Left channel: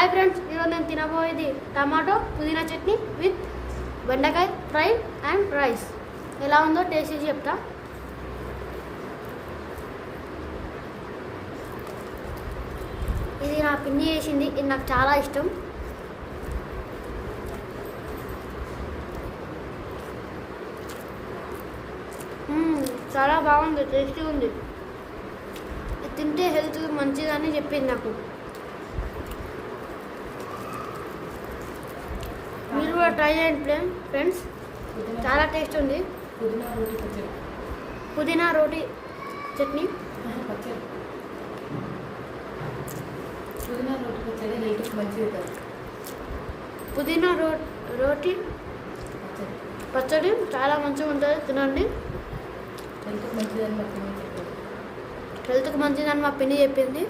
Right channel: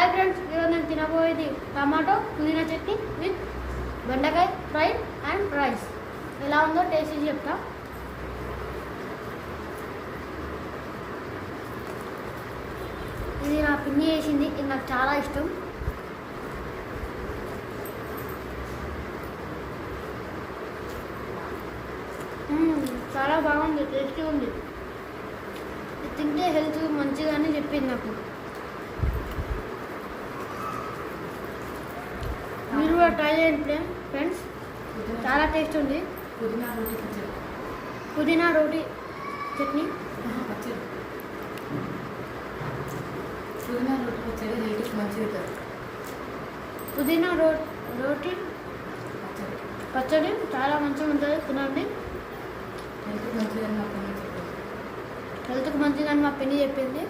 Hi friends, ఈరోజు నేను తినబోయేది tomato పుదీనా చట్నీ విత్ బెండకాయ ఫ్రై అండ్ రైస్. ఎలా ఉందో టేస్ట్ చేసి చెప్తా. ఇది నా పిన్ని చేసింది, ఇది నాకు చాలా ఇష్టం. చాలా బాగుంది, టేస్టీ ఉంది. ఇది తింటే హెల్త్ మంచిదని చెప్పింది నాకు. మీరు కూడా ట్రై చేయండి ఫ్రెండ్స్, చాలా టేస్ట్ ఉంది. పుదీనా రోటీ చట్నీ, పుదీనా రోటీ పచ్చడి చాలా మంచిగా ఉంటుంది, తినండి. హెల్త్కి మంచిదని మా పిన్ని చెప్పింది.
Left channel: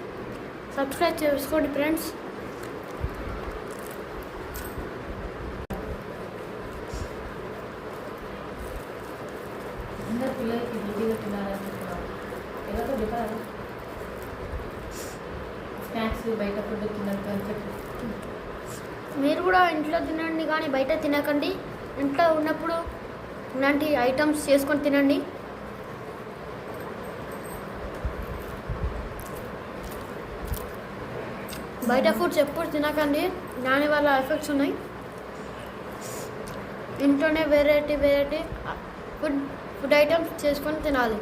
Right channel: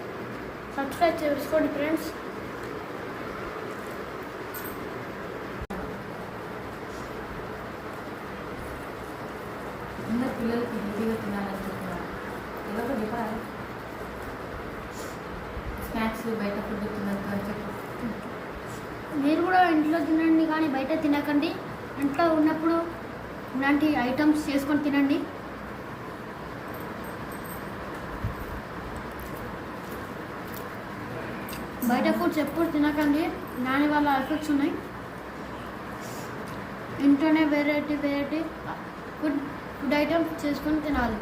సబ్స్క్రైబ్ చేసుకోండి ఫ్రెండ్స్. అందరు పిల్లలకి హెల్తీగా తినాలనుకుంటున్నారు. ఎవరో చెప్పాలి, స్నాక్స్ బయట ఫుడ్ తినద్దు అని చెప్పి. మీరు కూడా ఇంట్లో తినండి, కానీ బయట తినకండి. ఇంట్లో ఉన్నప్పుడు ఇలాంటి ఐటమ్స్ చేసుకొని తినండి. బయట ఫుడ్స్ ఎప్పుడు తినకండి, దానివల్ల ఎఫెక్ట్స్ ఉన్నాయి. ఇంట్లోనే వెరైటీ ఫుడ్ ఐటమ్స్ చేసుకొని తినాలి.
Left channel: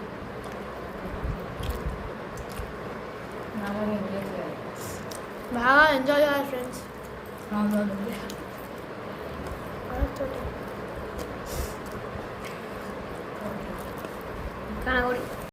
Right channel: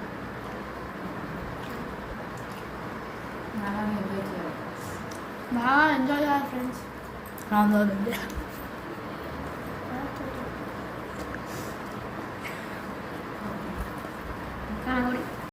బాగా ఎంజాయ్ చేయాలి ఫ్రెండ్స్.